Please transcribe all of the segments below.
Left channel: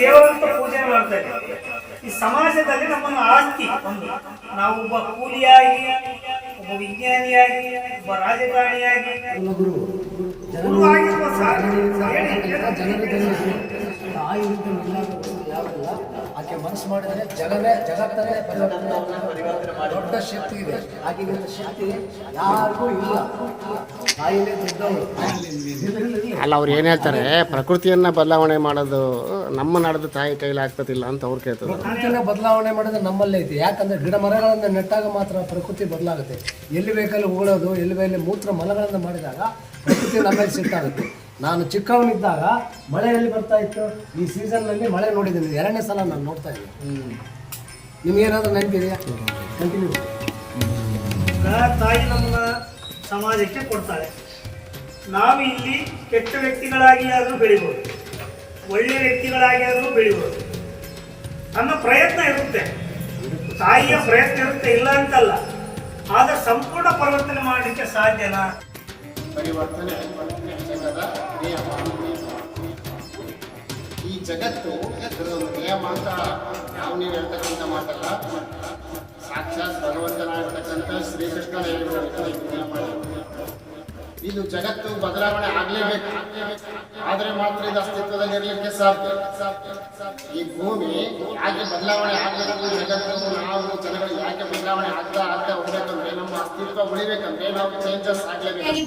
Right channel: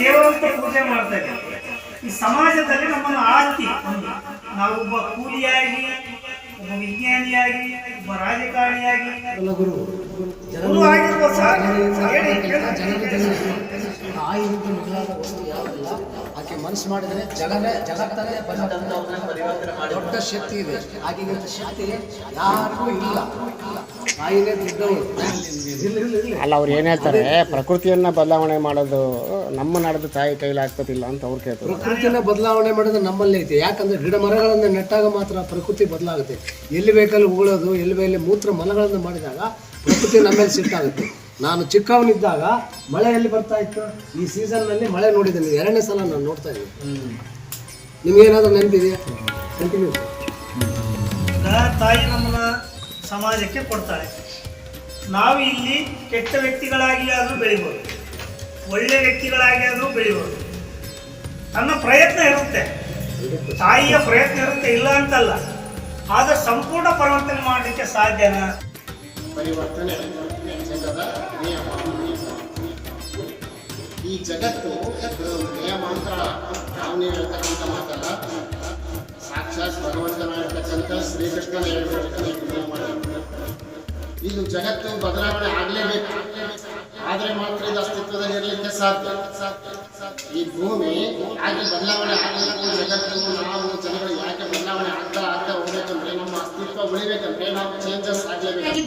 ದೇವರಂತ ಪೂಜೆ ಮಾಡ್ತಾ ಇದ್ದೀವಿ. ಈ ಸಮಾಜದಲ್ಲಿ ನಮ್ಮನ್ನು ಆಸ್ತಿ ಒಂದು. ನಾವೊಬ್ಬ ಕೂಲಿಯಾಗಿ ಒಬ್ಬ ವಿಜ್ಞಾನಿಯಾಗಿ ಒಬ್ಬ ರಾಜಕಾರಣಿಯಾಗಿ. ಗುರು. ಗುರು ಆಗಿರ್ಬೋದು ಸರ್. ಹೇಳಿ ಜನರ ಜನರಿಗೆ ತಾಯಿ ರೀತಿ ಮೊದಲಾದ ವಸ್ತು ಯಾವುದಿಲ್ಲ ಆಕೆ ಮನಸ್ಸು ಮಾಡಿದ್ರೆ ಜಗನೇ ಜಗತ್ತನ್ನೇ ಪರಿವರ್ತನೆ ದೊಡ್ಡ ಶಕ್ತಿ ಇದೆ. ಆಕೆಗಿಂತ ಶಕ್ತಿ ಯಾರಿಗೂ ಇಲ್ಲ. ತಾಯಿನೇ ದೊಡ್ಡವಳು. ಅಲ್ಲ ಅವ್ರು ಏನು ಹೇಳ್ತಾರೆ? ಪ್ರಕೃತಿಯನ್ನ ಬದಲಾವಣೆ ಮಾಡೋದು ನಮ್ಮ ನಾಡದ ತಾಯಿ ಕೈಲಿ ಆಗ್ತದಿಲ್ಲ ಅಂತ ಅವ್ರು ಕೇಳ್ತಾರೆ. ಪ್ರಕೃತಿನ ಬದಲಾವಣೆ ಮಾಡೋದು ನಮ್ಮಲ್ಲೇ ಐತೆ. ಯಾಕಂದ್ರೆ ಗಿಡ ಮರಗಳನ್ನು ನೆಟ್ಟಾಗ ಮಾತ್ರ ಪ್ರಕೃತಿ ಬದಲಾಗುತ್ತೆ. ಎಲ್ಲಿ ಬೇಕಲ್ಲಿ ಉಗುಳೋದು ಎಲ್ಲಿ ಬೇಕಲ್ಲಿ ಮೂತ್ರ ಮಲಗಳನ್ನು ಮಾಡಿದಾಗ ಪ್ರಕೃತಿ ನಮ್ಮಲ್ಲಿ ಸಿಟ್ಟಾಗುತ್ತೆ ನಾನು ಚಿಕ್ಕವನಿದ್ದಾಗ ಮಳೆ ಎಲ್ಲಿ ಬರ್ತಾ ಇತ್ತು? ಈ ಸೀಸನ್ನಲ್ಲಿ ಮಳೆ ನೋಡಿದ್ದೀನಿ. ಎರಡನೇ ಸಲ ನಾನು ನೋಡ್ತಾ ಇದ್ದೀನಿ. ಏನಾದರೂ ನೆನಪಿದೆಯಾ? ಕಂಟಿನ್ಯೂ ತಾಯಿ ನಮ್ಮನ್ನ ಸಮಾಜಕ್ಕೆ ಕೊಡ್ತಾಳೆ ನಾವು ಇಲ್ಲಿ ಕೆಟ್ಟ ವ್ಯಕ್ತಿಗಳಾಗಿ ಆದರೂ ಬೆಳಿಬೋದು. ಒಳ್ಳೆ ವ್ಯಕ್ತಿಗಳಾಗಿ ಆದರೂ ಬೆಳಿಬೋದು. ನನ್ನ ಪ್ರಯತ್ನ ಇರುತ್ತೆ. ತಾಯಿಯ ಪ್ರಯತ್ನ ಇರುತ್ತೆ. ಇಲ್ಲ ಅಂತಲ್ಲ. ಆದ್ರೆ ಸಂಪೂರ್ಣ ಪರಿವರ್ತನೆ ಮಾಡಲಿಕ್ಕೆ ಸಾಧ್ಯನಾ? ಪರಿವರ್ತನೆ ಜಗತ್ತು ಇದೊಂದು ಮಾತಾಡ ನಾವು ನೀವು ಹೇಳ್ತಕ್ಕಂಥ ಮಾತಲ್ಲ. ಸಾಕ್ಷಾತ್ ಭಗವಂತನಾಗಿರ್ತಕ್ಕಂಥ ಶ್ರೀಕೃಷ್ಣನ ಹೇಳಿರ್ತಕ್ಕಂಥ ಇದು ಜಗತ್ತು ಬದಲಾವಣೆ ಆಗಲೇಬೇಕು. ಆದರೆ ಮಾತ್ರ ಇದು ಅಸ್ತಿತ್ವದಲ್ಲಿ ಇರಲಿಕ್ಕೆ ಸಾಧ್ಯ. ಈ ಭೂಮಿ ಯಾಕೆ ಬದಲಾವಣೆ ಆಗಬೇಕು? ಜಗತ್ತು, ನಾವು, ಜನಗಳು ಯಾಕೆ ಬದಲಾವಣೆ ಆಗ್ತಾ ಆಗ್ತಾ ಹೋಗ್ಬೇಕಂದ್ರೆ, ನಮ್ಮ ಅಸ್ತಿತ್ವ ಉಳಿಬೇಕಂದ್ರೆ ನಾವು ಚೇಂಜಸ್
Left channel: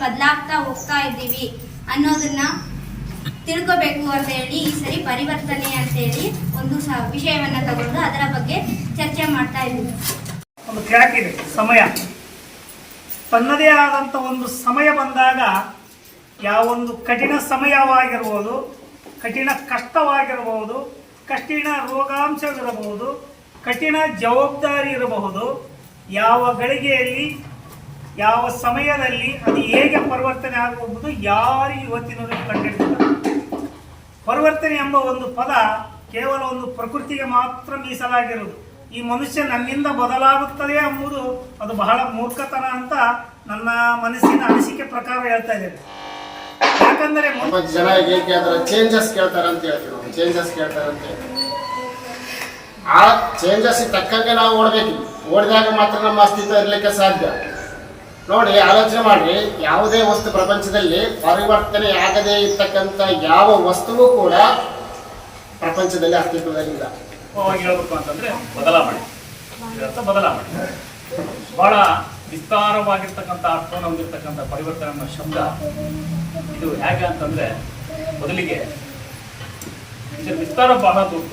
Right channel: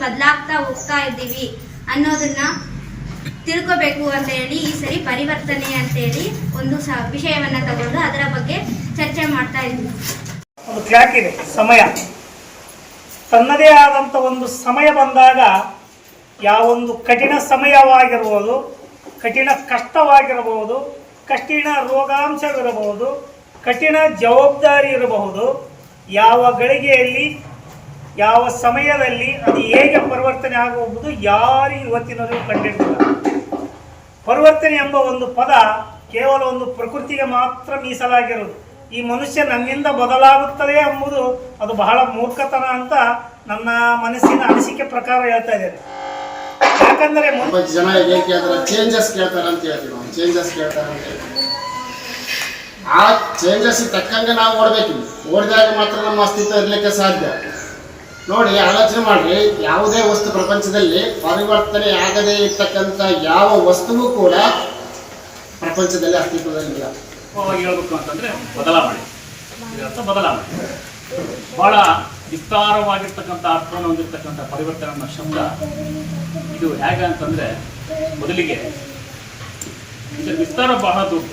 ಬದಲಾಗ್ತಾ ಹೋಗ್ತಾ ಇದ್ದೀವಿ ಅನ್ನೋದನ್ನ ತಿಳ್ಕೊಬೇಕು ಅಂತ ಹೇಳಿ ಈ ಸರಿ ಪರಿವರ್ತನೆ ಅಂತ ಹೇಳಿ ಒಂದು ವಿಷಯವನ್ನ ತಗೊಂಡು ಅದರ ಬಗ್ಗೆ ಚರ್ಚೆ ಮಾಡ್ತಾ ಇದ್ದೀವಿ ಒಂದು ಸಮಯ. ತನ್ನದೇ ಆದಂಥ ಒಂದು ಸಮಯ ಬಂದಾಗ ಯಾವೊಂದು ಕಠಿಣ ಸಮಯವಾಗಿರ್ಬೋದು, ಕಠಿಣ ಕಷ್ಟವಾಗಿರಬಹುದು ಕಠಿಣ ರೋಗಾಂಶವಿರಬಹುದು, ಕಠಿಣ ಜವಾಬ್ದಾರಿ ಇರಬಹುದು, ಯಾವ ಗಳಿಗೆಯಲ್ಲಿ, ಯಾವ ಸಮಯದಲ್ಲಿ ಅದು ಹೇಗೆ ಪರಿವರ್ತನೆ ಆಗಬಹುದು ಯಾರು ಇವತ್ತಿನವರೆಗೂ ಕಂಡಿಡ್ತಾರೆ ಪರಿವರ್ತನೆ ಎಂಬ ಒಂದು ಪದ ಕೇವಲ ಒಂದು ಪ್ರಕೃತಿಗೆ ಮಾತ್ರ ಮೀಸಲಾಗಿರುವುದು. ಈ ಮನುಷ್ಯ ನನ್ನಿಂದ ಬದಲಾಗುತ್ತದೆ ಎಂಬುದು ಅದು ಬಹಳ ಮೂರ್ಖತನ ಅಂತ ನನ್ನ ಮನಸ್ಸಿನ ಅನಿಸಿಕೆ ಪ್ರಕಾರ ಹೇಳ್ತಾ ಇದ್ದೇನೆ. ಯಾಕಂದರೆ ಜನ ಚೇಂಜಸ್ ಕೇಳ್ತಾರೆ ಅಂತ ಹೇಳ್ತೀವಿ ಚೇಂಜಸ್ ಅಂತ ಆ ಚೇಂಜಸ್ ತಕ್ಕಂಗೆ ನಾವು ಓಡಬೇಕು ಓಡಿದಾಗ ಮಾತ್ರ ನಮ್ಮ ಅಸ್ತಿತ್ವ ಇರಲಿಕ್ಕೆ ಸಾಧ್ಯ. ನೋಡಿ, ಆಲೋಚನೆ ಮಾಡಿ ಯಾವುದೇ ವಸ್ತು ಪ್ರಪಂಚದಲ್ಲಿ ಪರಿವರ್ತನೆ ಆಗದೇ ಇರ್ತಕ್ಕಂಥ ಯಾವ ವಸ್ತುವು ಕೂಡ ಪ್ರಪಂಚದಲ್ಲಿ ಅಸ್ತಿತ್ವದಲ್ಲಿಲ್ಲ ಹೇಳ್ಬೇಕು ಅಂತಂದ್ರೆ ಬದಲಾವಣೆ. ಬದಲಾವಣೆ. ಬಹಳ ವಿಸ್ತಾರವಾಗಿರ್ತಕ್ಕಂಥ ಅರ್ಥವನ್ನು ಹೊಂದಿರತಕ್ಕಂಥ ಪರಿವರ್ತನೆ ಅನ್ನೋ ಶಬ್ದ ಇದು ಹೇಗೆ ಅಂತಂದ್ರೆ ಮೊದಲಿಗೆ ಇದರ ವಿಸ್ತಾರ ಬಹಳ ದೊಡ್ಡ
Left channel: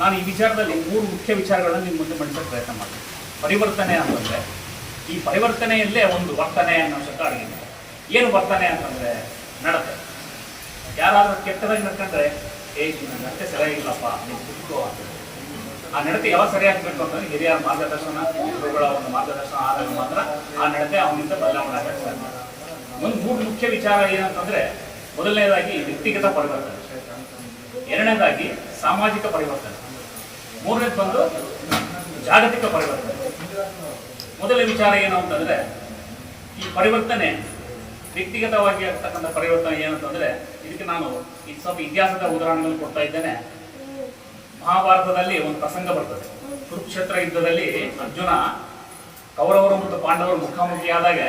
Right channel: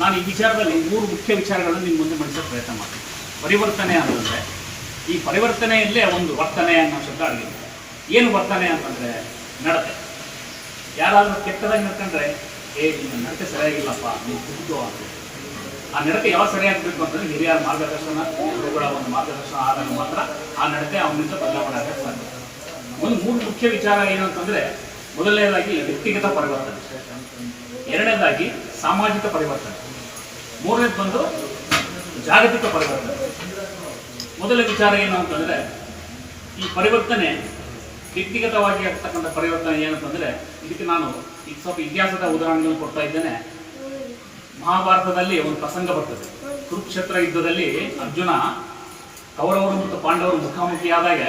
ನಾನು ಈ ವಿಚಾರದಲ್ಲಿ ಮೂರು ಮುಖ್ಯ ವಿಚಾರಗಳನ್ನು ನಿಮ್ಮ ಮುಂದೆ ಮಂಡಿಸೋ ಪ್ರಯತ್ನ ಮಾಡ್ತೀನಿ. ಪರಿವರ್ತನೆ ಅಂತಂದ್ರೆ ಈ ಪರಿವರ್ತನೆಯಲ್ಲೇ ಒಂದು ವರ್ತನೆ ಅನ್ನೋ ಶಬ್ದ ಅಡಗಿದೆ ಏನು ವರ್ತನೆ ಅಂತಂದ್ರೆ ನಡತೆ. ಯಾರಾದರೂ ಕೆಟ್ಟದಾಗಿ ನಡ್ಕೊಂಡ್ರೆ, ಏ, ನಿನ್ನ ನಡತೆ ಸರಿಯಾಗಿಲ್ಲಪ್ಪ ನೀವು ಕುಟುಕು ಅಂತ. ಆ ನಡತೆ ಯಾವ ಸರಿಯಾಗಬೇಕು ಅಂತಂದ್ರೆ ಹಿರಿಯರ ಮಾರ್ಗದರ್ಶನ, ಗುರುಗಳ ಒಂದು ಮಾರ್ಗದರ್ಶನ ಆದಾಗ ಮಾತ್ರ ಆ ನಡತೆ ಅವನಿಂದ ಬದಲಾವಣೆ ಆಗಕ್ಕೆ ಸಾಧ್ಯ. ಒಂದು ಮೂರು ಮುಖ್ಯ ವಿಚಾರ ಏನಂತಂದ್ರೆ ಮೊದಲನೇದಾಗಿ ವ್ಯಕ್ತಿಗತ ಪರಿವರ್ತನೆ. ಎರಡನೇದಾಗಿ ಸಾಮಾಜಿಕ ಪರಿವರ್ತನೆ. ಮೂರನೇದು ಬಂದು ಜಾಗತಿಕ ಪರಿವರ್ತನೆ. ಮೊದಲ ವಿಚಾರ ಏನು ಅಂತಂದ್ರೆ, ಈ ಪರಿವರ್ತನೆ, ವ್ಯಕ್ತಿಗತವಾಗಿ ಆಗ್ತಕ್ಕಂಥ ಪರಿವರ್ತನೆ ಏನಂತಂದರೆ ಇದಕ್ಕೆ ನಾನು ಈಗ ಸ್ವಲ್ಪ ಇತಿಹಾಸದ ಉದಾಹರಣೆಗಳನ್ನು ಕೊಡ್ತಾ ಇದ್ದೇನೆ. ಮಹಾಭಾರತದಲ್ಲಿ ಒಂದು ಪ್ರಸಂಗ ಬರ್ತದೆ. ಕುರುಕ್ಷೇತ್ರ ಯುದ್ಧದಲ್ಲಿ ಅರ್ಜುನ ಕೌರವರು ಮತ್ತು ಪಾಂಡವರು ಮುಖಾಮುಖಿಯಾದಾಗ